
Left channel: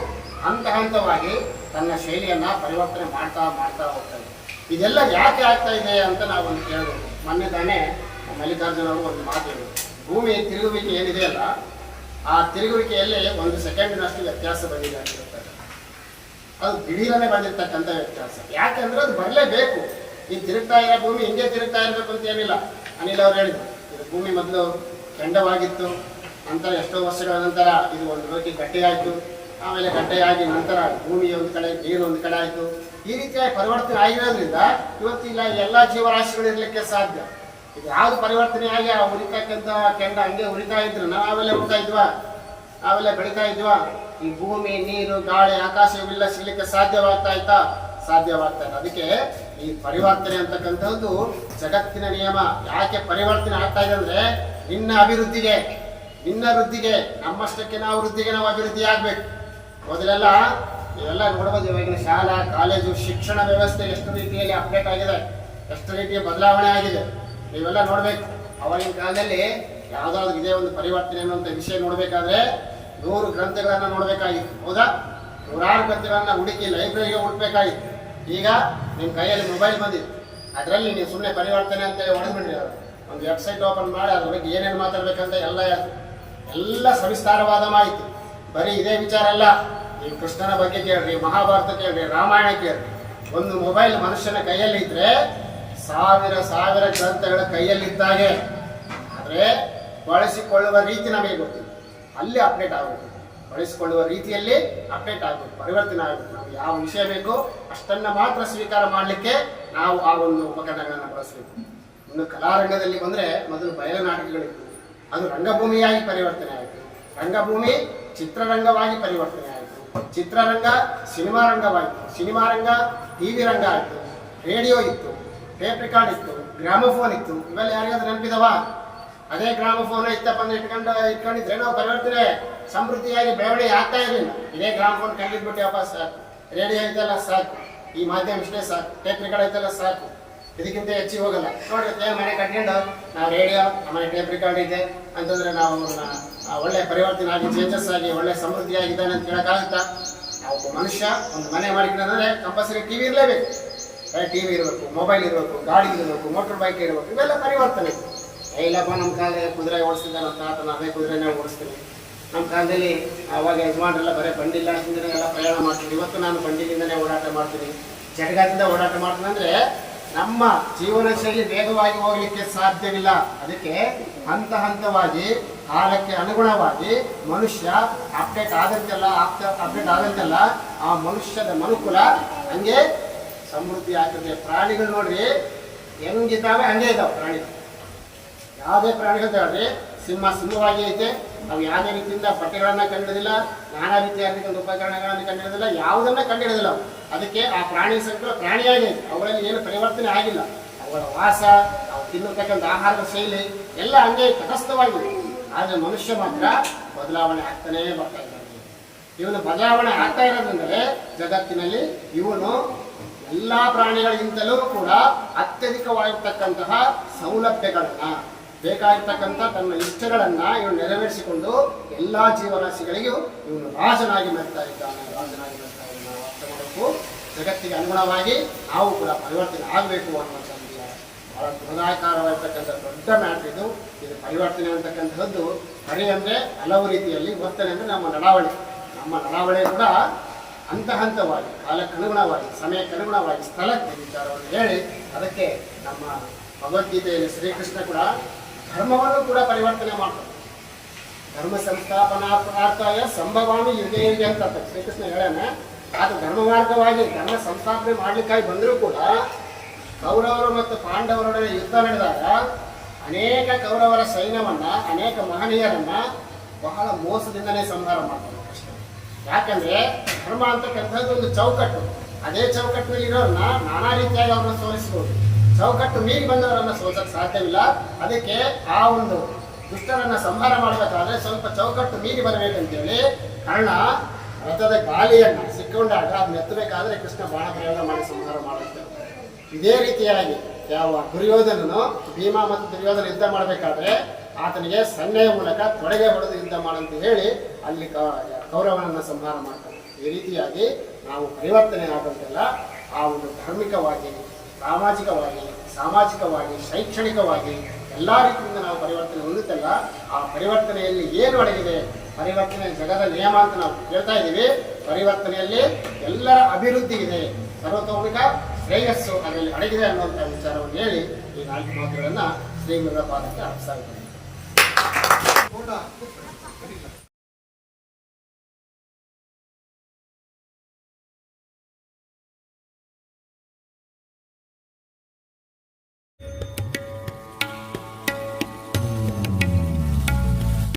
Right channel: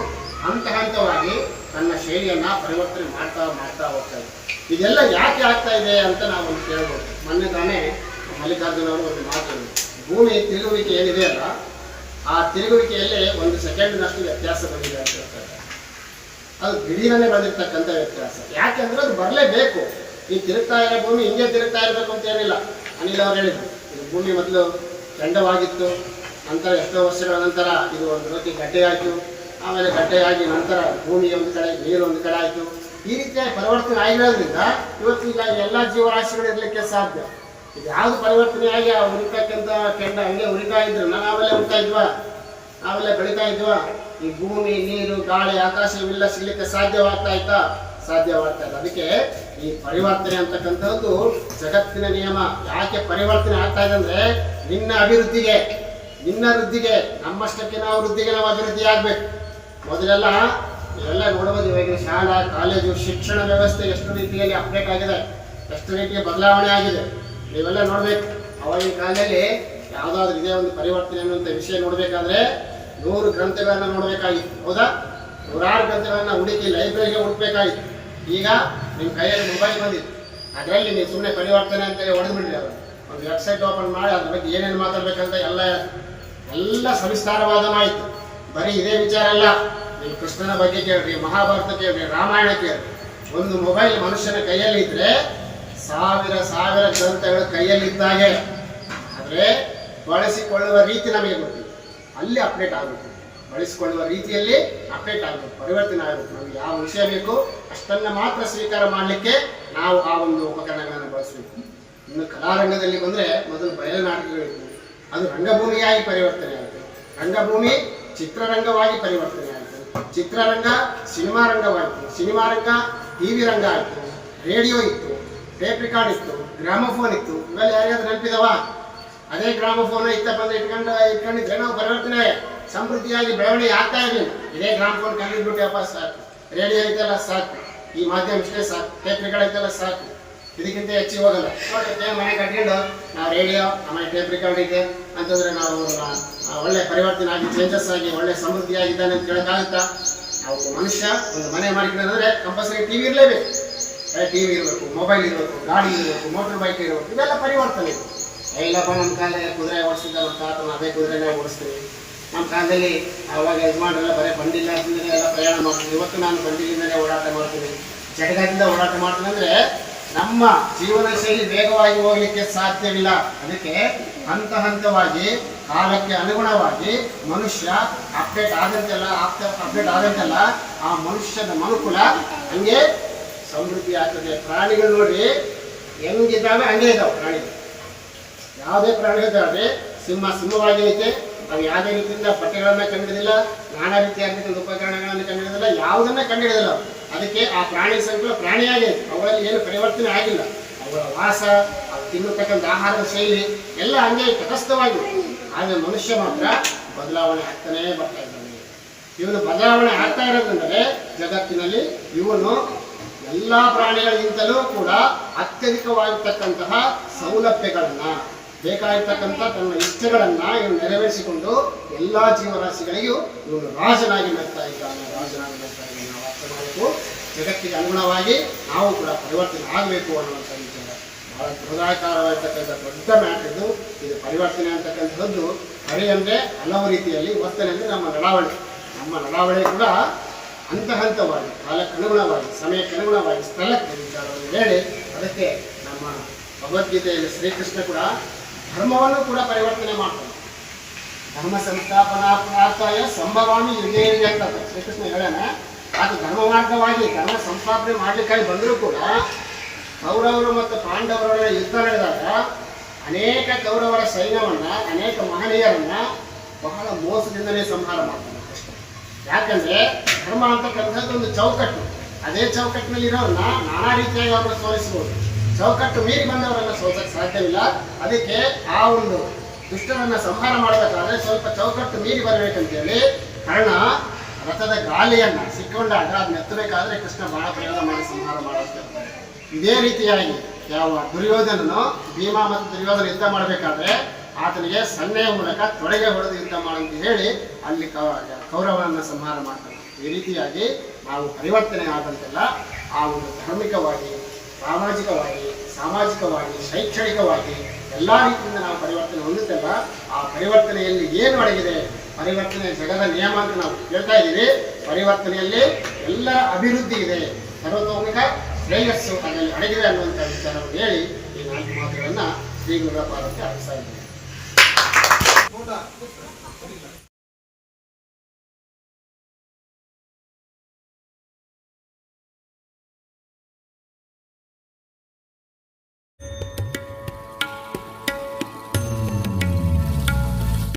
ಹಂತ ಹಂತವಾಗಿ ತನ್ನ ಶೈಲಿಯನ್ನ ಪರಿವರ್ತನೆ ಮಾಡ್ತಾ ಮಾಡ್ತಾ ಹೋಗ್ತಾ ಇದೆ. ಇದೆಲ್ಲ ಯಾಕೆ ಆಗ್ತಾ ಇದೆ ಅಂತ ನಾವು ಕೇಳ್ಬೋದು. ಮೊನ್ನೆ ತಾನೇ ಮಲ್ಲಿಕಾರ್ಜುನ ಅವರು ಒಂದು ಮಾತು. ಭೂಮಿ ತಿರುಗುವಿಕೆ ಏನಿದೆ ಅಲ್ಲ, ಆ ತಿರುಗುವಿಕೆಯಲ್ಲಿ ಒಂದು ಸೆಕೆಂಡ್ನಷ್ಟು ವ್ಯತ್ಯಾಸ ಬಂದಿದೆ ಅಂತ ಹೇಳ್ತಾರೆ. ಅದು ದಿಢೀರನೆ ಬಂದಿರ್ತಕ್ಕಂಥ ವ್ಯತ್ಯಾಸ. ಯಾಕೆಂದ್ರೆ ಅದು ಬರಲೇಬೇಕು. ಈ ತಿರುಗ್ತಾ ಇರೋ ಭೂಮಿ ಹಿಂಗೆ ತಿರುಗ್ತಾ ಇರಬೇಕು ಅಂತ ಏನಿಲ್ಲ. ಅನಿಲ್ ಅವ್ರು ಹೇಳಿದ್ರು ಭೂಮಿ ಮೊದಲು ಕೆಂಡವಾಗಿತ್ತು ನಂತರ ಎಷ್ಟೋ ವರ್ಷಗಳ ನಂತರ ಇದು ಒಂದು ರೀತಿ ಗಡ್ಡೆಯಾಯಿತು. ಆಮೇಲೆ ಗಟ್ಟೆಯಾಗಿ ನಂತರ ಭೂಮಿ ಒಂದು ಕಡೆ ನೀರು ಒಂದು ಕಡೆ ಆಯಿತು. ಈ ರೀತಿಯಾಗಿ ಪರಿವರ್ತನೆ ಆಗಿರೋದ್ರಿಂದ ಇವತ್ತು ಇಲ್ಲ ಎಲ್ಲ ಜೀವರಾಶಿಗಳು ಇರಲಿಕ್ಕೆ ಸಾಧ್ಯ. ಇದು ಯಾವುದು ಪರಿವರ್ತನೆ ಆಗಿ ಆ ಉರಿತಕ್ಕಂಥ ಕೆಂಡ ಹಂಗೆ ಉರಿತಾ ಇದ್ರು ಆಮೇಲೆ ಉರಿತಾ ಇದ್ವಾ? ನಾವೆಲ್ಲ ಬೆಳೀತಾ ಇದ್ವಾ? ಈ ಭೂಮಿ, ನೀರು, ಗಾಳಿ, ಆಕಾಶ ಇವೆಲ್ಲ ಸಿಗ್ಲಿಕ್ಕೆ ಸಾಧ್ಯವಾಗ್ತಾ ಇತ್ತಾ? ಸಾಧ್ಯವಾಗ್ತಾ ಇಲ್ಲ. ಅದಕ್ಕೆ ಈ ಪರಿವರ್ತನೆ ಅಂತಕ್ಕಂಥದ್ದು ಜಗತ್ತಿನ ನಿಯಮ. ಯಾಕೆ ಪರಿವರ್ತನೆ ಆಗ್ತಾ ಇದೆ ಅಂದ್ರೆ ನಿನ್ನ ಅಭಿವೃದ್ಧಿಗೆ. ನಿನ್ನ ವೃದ್ಧಿಗೆ ನಮ್ಮಷ್ಟಕ್ಕೆ ನಾವು ವೃದ್ಧಿಗೆ ನಾವು ಅಭಿವೃದ್ಧಿ ಆಗ್ಬೇಕು. ಮೊದಲೆಲ್ಲ ಇವೆಲ್ಲ ನೋಡಬಹುದು ಇವಾಗಿನ ಶಾಲಾ, ಕಾಲೇಜು, ಶಿಕ್ಷಣ ವ್ಯವಸ್ಥೆ ಎಷ್ಟು ರೀತಿಯಲ್ಲಿ ಅಪ್ಡೇಟ್ ಆಗಿದೆ, ಎಷ್ಟು ರೀತಿಯ ಬದಲಾವಣೆ ಆಗಿದೆ, ನೀವೆಲ್ಲ ನೋಡ್ಬೇಕು. ಅವಾಗಿನ ಕಾಲದಲ್ಲಿ ಯಾವುದಾದ್ರೂ ಇದೇ ಒಂದು ಪರಿವರ್ತನೆ ಅನ್ನುವಂಥ ವಿಷಯ ನೋಡಬೇಕಾದ್ರೆ ನೂರು ಗ್ರಂಥಗಳನ್ನು ನೋಡಬೇಕಾಗಿತ್ತು, ಹೌದಾ? ನೂರಾರು ಗ್ರಂಥಗಳನ್ನ ಹುಡುಕಿ ಲೈಬ್ರರಿಗೆ ಹುಡುಕ್ಬೇಕಾಗಿತ್ತು. ಈಗ ನಿಮ್ಮ ಕೈಯಲ್ಲಿ ಮೊಬೈಲ್ ಬಂದಿತ್ತು ಅದರಲ್ಲಿ ನೀವು ಸುಮ್ಮನೆ ಪರಿವರ್ತನೆ ಅಂತೇಳಿ ಹೊಡೆದ್ಬಿಡ್ರಿ ಅವರು. ಒಂದು ವೆಬ್ಸೈಟ್ ಓಪನ್ ಮಾಡಿ, ಅದ್ರ ಬಗ್ಗೆ ಏನೇನು ಮಾತಾಡ್ಬೇಕಂತ ಎಲ್ಲ ಎಲ್ಲ ಸವಿಸ್ತಾರವಾದ ಮಾಹಿತಿ ಬರೀ ಇದೇ ವಿಚಾರ ಅಲ್ಲ, ನೀವು ಕೃಷ್ಣನ ಬಗ್ಗೆ ಕೇಳ್ರಿ, ಮಹಾಭಾರತ ಕೇಳ್ರಿ, ರಾಮಾಯಣ ಕೇಳ್ರಿ. ಒಂದು ಮೊಬೈಲ್ ಮನುಷ್ಯನ ಕೈಯಲ್ಲಿ ಇದ್ರೆ ಸಾವಿರ ಸಾವಿರ ಗ್ರಂಥಗಳ ಕೈಯಲ್ಲಿದ್ದಾಗೆ ಆದರೆ ಬಳಸಿಕೊಳ್ಳುವ ರೀತಿ ನಮಗೆ ಗೊತ್ತಿಲ್ಲ. ಅಲ್ಲಿ ಅಪ್ಡೇಟ್ ಆಗಬೇಕು. ಬಳಸಿಕೊಳ್ಳುವ ರೀತಿಯಲ್ಲಿ ಅಪ್ಡೇಟ್ ಆಗಬೇಕು, ಪರಿವರ್ತನೆ ಆಗಬೇಕು. ನಾವು ಯಾವ ವಿಷಯ ಬೇಕು, ಅಷ್ಟನ್ನ ಮಾತ್ರ ಸ್ವೀಕಾರ ಮಾಡಲಿಕ್ಕೆ ನಾವು ಆ ಒಂದು ಉಪಕರಣಗಳನ್ನು ಬಳಸಬೇಕು. ಇನ್ನು ಕಲಾರಂಗದಲ್ಲಿ ಬಂದರೆ ಮೊದಲು ಬಯಲು ನಾಟಕಗಳಿತ್ತು ಅದು ರಂಗಭೂಮಿಯಾಗಿ ಪರಿವರ್ತನೆ ಆಯಿತು ರಂಗಭೂಮಿ ಚಿತ್ರರಂಗವಾಗಿ ಪರಿವರ್ತನೆ ಆಯಿತು ಚಿತ್ರರಂಗ ಸಿನಿಮಾ ರಂಗವಾಯಿತು ಸಿನಿಮಾ ರಂಗ ಟಿ ವಿ ರಂಗ ಆಯಿತು ರೇಡಿಯೋ ಇತ್ತು, ಟೇಪ್ ರೆಕಾರ್ಡ್ ಇತ್ತು, ಗ್ರಾಮಫೋನ್ ಇತ್ತು. ಇವೆಲ್ಲ ಯಾರಿಗಾದ್ರೂ ನೆನಪಿದವಾ? ಅದೇ ಗ್ರಾಮಫೋನ್ ಇತ್ತಪ್ಪ ಅಂದ್ರೆ ಇಟ್ಕೊಂಡು, ಇಟ್ಕೊಂಡಿದ್ರೆ ನಾವು ಪರಿವರ್ತನೆ, ಸಮೃದ್ಧಿಯಾಗಿ ಬೆಳವಣಿಗೆ ಆಗ್ತಾ ಇರಲಿಲ್ಲ ಇದೇ ಗ್ರಾಮಫೋನ್ ಕಂಡಿದ್ಬಿಟ್ಟೆಪ್ಪ ಸಾಕು. ರೇಡಿಯೋ ಐತಲ್ಲ ಸಾಕು. ಈ ಮಾಧ್ಯಮ ಇಷ್ಟೇ ಸಾಕು. ಟೇಪ್ ರೆಕಾರ್ಡ್ ಸಾಕು. ಇದಕ್ಕಿಂತ ಹೆಚ್ಚಿಗೆ ಹೋಗಲ್ಲ. ನೋಡಿ ಮನೆ ಕಟ್ಕೊಂಡು ನಾವು ರೇಡಿಯೋ ಆಮೇಲೆ ಟೇಪ್ ರೆಕಾರ್ಡ್ ಇದೆ. ಅಂತಂದ್ರೆ ನಾವು ಒಳ್ಳೆ ಪರಿವರ್ತನೆ ಆಗಿ ಚೇಂಜಸ್ ಆಗಿ, ಒಳ್ಳೆ ಸಮೃದ್ಧಿಯಾಗಿದ್ದಾನೆ ಅಂತ ಹೇಳೋಕ್ಕಾಗುತ್ತಾ ನಾವು ಮನುಷ್ಯ, ಒಂದು ಮನೆ ಮಾಡಿಕೊಂಡ್ರೆ ಕಂಪಲ್ಸರಿ ಟಿವಿ ಇರಲೇಬೇಕು. ಟಿವಿ ಇರಬೇಕು ಮೊಬೈಲ್ ಇರಬೇಕು, ಗಾಡಿ ಇರಬೇಕು ಮೋಟರ್ ಬೈಕ್ ಇರಬೇಕು ಇವೆಲ್ಲ ಪರಿವರ್ತನೆ. ಇಲ್ಲಪ್ಪ ನಮ್ಮ ಕಾಲದಲ್ಲಿ ಕುದುರೆ ಓಡಿಸಿದ ನಮ್ಮ ತಾತನ ಅದೇ ಕುದುರೆನೇ ಓಡಿಸ್ತೀವಿ. ನಮ್ಮ ಕಾಲದಲ್ಲಿ ಆವಾಗ ಯಜಮಾನ್ರೆಲ್ಲ ಬರೀ ಬಂಡಿಲ್ಲ ಅಂತಂದ್ರೆ ಎಲ್ಲ ಪ್ರಯಾಣ ಮಾಡ್ತೀವಿ ಇವತ್ತು ನಾನು ಬಂಡಿಲಿಂದಲೇ ಓಡಾಟ ಮಾಡ್ತೀನಿ. ಜಟಗಾದಿಂದ ಓಡಾಟ ಮಾಡ್ತೀನಿ ಅಂದ್ರೆ ನಮ್ಮ ಜೀವನ ಶೈಲಿ ವೇಗವಾಗಿ ಹೋಗಲಿಕ್ಕೆ ಸಾಧ್ಯವಿಲ್ಲ. ಅದಕ್ಕೆ ಹಂತ ಹಂತವಾಗಿ ಕಾಲಕ್ಕೆ ಅನುಗುಣವಾಗಿ ಮನುಷ್ಯ ಅಪ್ಡೇಟ್ ಆದಂತೆಲ್ಲ ಅಪ್ಡೇಟ್ ಆದಂತೆಲ್ಲ ಆ ಮನುಷ್ಯನ ಮನುಕುಲ ಹಂಗೆ ಸಮೃದ್ಧಿ ಆಗ್ತದೆ. ಪ್ರಾಣಿಗಳು ನೋಡ್ರಿ ಹೆಂಗಿದ್ದಾವೆ ಹಂಗೆ ಇದಾವೆ ಪ್ರಾಣಿ ಯಾವುದೇ ಪ್ರಾಣಿ ಇದ್ದಾವೆ ಸಿಂಹ ಸಿಂಹವಾಗಿ ಐತೆ. ಅವು ಯಾವುದೇ ರೀತಿಯಿಂದ ಬಟ್ಟೆಗಳನ್ನ ಕಂಡಿಡಿದಿಲ್ಲ ನಾನಾ ರೀತಿಯ ರೀತಿಯ ಉಪಕರಣಗಳನ್ನು ಕಂಡಿಡಿದಿಲ್ಲ ಯಾವುದನ್ನ ಕಂಡಿಡಿದಿಲ್ಲ. ಅದಕ್ಕೆ ಆ ಪ್ರಾಣಿ ಸಂಕುಲ ಪ್ರಾಣಿಯಾಗಿದೆ ಅವುಗಳಲ್ಲಿ ಏನು ಪರಿವರ್ತನೆ ಆಗಿಲ್ಲ. ಅವರ ವಾಸ ಅವು ತಿನ್ನತಕ್ಕಂಥ ಆಹಾರದ ಶೈಲಿ ಎಲ್ಲ ಹಂಗೆ ತಟಸ್ಥವಾಗಿದೆ. ಆದರೆ ಮನುಷ್ಯ ಮಾತ್ರ ಬದಲಾವಣೆ ಆಗ್ತಾನೇ ಬರ್ತಾ ಇದ್ದಾನೆ. ಇವನು ಬದಲಾವಣೆ ಆಗ್ತಾ ಇರೋದಂದರೆ ಜಗತ್ತಿನಲ್ಲಿ ಇವನು ಎಲ್ಲ ಪ್ರಾಣಿಗಳಿಗಿಂತಲೂ ಕೂಡ ಅತ್ಯಧಿಕವಾಗಿರ್ತಕ್ಕಂತಹ ಸೌಲಭ್ಯಗಳನ್ನ, ಬೇಕಾಗಿರ್ತಕ್ಕಂಥ ತನ್ನ ಇಷ್ಟಗಳನ್ನ ಇವನು ನೆರವೇರಿಸಿಕೊಂಡು ಎಲ್ಲ ಜೀವರಾಶಿಗಳಿಗೂ ಇವನು ರಾಜನಾಗಿ ಬರ್ತಾ ಇದ್ದಾನೆ, ರಾಜನಾಗಿ ಮಾಡಬೇಕು. ಜಗತ್ತಿಗೆ ಅನುಗುಣವಾಗಿ ನಾವು ಕೂಡ ಪರಿವರ್ತನೆ ಆಗಬೇಕು ಅನ್ನುವಂಥ ವಿಚಾರ. ಬಹಳ ಬೃಹದಾಕಾರವಾಗಿರ್ತಕ್ಕಂಥ ದೊಡ್ಡ ಮ್ಯಾಟ್ ಇದು. ಇದು ಪರಿವರ್ತನೆ ಅಂತಕ್ಕಂಥದ್ದು ಹರಿ ಅಂದರೆ ಹಲವು ರೀತಿಯಲ್ಲಿ ವರ್ತನೆ ಅಂದರೆ ನಮ್ಮ ನಡಾವಳಿ ನಮ್ಮ ನಡಾವಳಿ ಕೂಡ ಹಂತ ಹಂತವಾಗಿ ಕಾಲಕ್ಕನುಗುಣವಾಗಿ ಸಮಯಕ್ಕನುಗುಣವಾಗಿ ಸ್ಥಳಕ್ಕೆ ವಿಚಾರವನ್ನು ಹೇಳಿ ಅದಕ್ಕೆ ನಮ್ಮ ಭಗವದ್ಗೀತೆಯಲ್ಲಿ ಶ್ರೀಕೃಷ್ಣ ಕೂಡ ಧರ್ಮವನ್ನು ಕೂಡ ಪರಿವರ್ತನೆ ಮಾಡ್ತಾನೆ. ಧರ್ಮ ಸಂಸ್ಥಾಪನಾರ್ಥಾಯ ಸಂಭವಾಮಿ ಯುಗೆ ಅಂತ ಶ್ರೀಕೃಷ್ಣ ಹೇಳಾನೆ ಆತ ಧರ್ಮ ಮಾರ್ಗವಾಗಿ ಧರ್ಮ ಸಂಸ್ಥಾಪನೆ ಮಾಡ್ಲಿಕ್ಕಾಗಿ ಬಂದರೂ ಕೂಡ ಕೌರವರು ಮತ್ತು ಪಾಂಡವರ ಯುದ್ಧ ನಡೆದಾಗ ಅನೇಕ ಕೌರವರ ಸೈನ್ಯವನ್ನು, ಅನೇಕ ಮಹನೀಯರನ್ನ ಬಹಳ ಮೋಸದಿಂದಲೇ ಸಂಹಾರ ಮಾಡ್ತಾರೆ ಅಷ್ಟೇ. ಯಾಕಂದ್ರೆ ಧರ್ಮ ಅಂತಕ್ಕಂಥದ್ದು ಒಂದು ಚೌಕಟ್ಟು. ಅದೇ ಚೌಕಟ್ಟಿನಲ್ಲಿ ಇರೋರನ್ನ ನಾನಾ ರೀತಿಯಾಗಿ ಅವ್ರನ್ನ ಸೋಲಿಸಬಹುದು ಚೌಕಟ್ಟು ಮೀರಿ ಬಂದವರನ್ನ ಸೋಲಕ್ಕೆ ಸಾಧ್ಯವಿಲ್ಲ. ಅದಕ್ಕೆ ಆ ಒಂದು ದುಷ್ಟರನ್ನ ಸಂಹಾರ ಮಾಡಬೇಕಾದ್ರೆ ಸ್ವಲ್ಪ ಚೌಕಟ್ಟು ಮೀರಿ ಬರಬೇಕಂತೇಳಿ ಕರ್ಣ ರಥದ ಗಾಳಿಯನ್ನು ಸಿಕ್ಕೊಂಡಾಗ ಅದು ಮೆತ್ತಬೇಕಾದ್ರೆ ಕೃಷ್ಣ ಬಹಳ ಪ್ರಯೋಗ ಮಾಡಿ ಸಂಹಾರ ಮಾಡುತ್ತೆ ಇದೇ ರೀತಿಯಾಗಿ ಯಾವ ದುರ್ಯೋಧನನು ಭೀಮ ಮತ್ತು ದುರ್ಯೋಧನ ಯುದ್ಧ ಮಾಡಬೇಕಾದ್ರೆ ಆತನಿಗೆ ಸನ್ನೆಯ ಮೂಲಕ ತೊಡೆಗೆ ಹೊಡೆದು ಯುದ್ಧ ಮಾಡಂತ ಹೇಳಿ ಅಲ್ಲಿ ಕೌರವನನ್ನು ಸಂಹಾರ ಮಾಡ್ತಾರೆ ಈ ರೀತಿಯಾಗಿ ನಾವು ಪರಿವರ್ತನೆ ಆದಂತೆಲ್ಲ ಆ ಒಂದು ಧಾರ್ಮಿಕವಾಗಿ, ಸಾಮಾಜಿಕವಾಗಿ ಸಾಮಾಜಿಕವಾಗಿ, ಶೈಕ್ಷಣಿಕವಾಗಿ ಎಲ್ಲ ರೀತಿಯಿಂದ ನಾವು ಪರಿವರ್ತನೆ ಹೊಂದುತ್ತಲ್ಲ ಆ ಪರಿವರ್ತನೆಯಲ್ಲಿ ಏನು ಅಡಗಿದೆ? ಪರಿವರ್ತನೆ ಜಗದ ನಿಯಮ ಅಂತ ನಾವು ಹೇಳ್ತಾ ಇದ್ದೀವಿ. ಪರಿವರ್ತನೆಯಲ್ಲಿ ಎಲ್ಲ ಅಭಿವೃದ್ಧಿ ಇದೆ. ಸರ್ವತೋಮಿಕ ಶ್ರೇಯಸ್ಸು ಅದರಲ್ಲಿ ಅಡಗಿದೆ ಅನ್ನುವಂಥ ವಿಚಾರವನ್ನು ಹೇಳಿ ಈ ನಾಲ್ಕು ಮಾತುಗಳನ್ನು ಶ್ರೀ ಮುರುಘಪಾದಕ್ಕೆ ಅರ್ಪಿಸ್ತಾ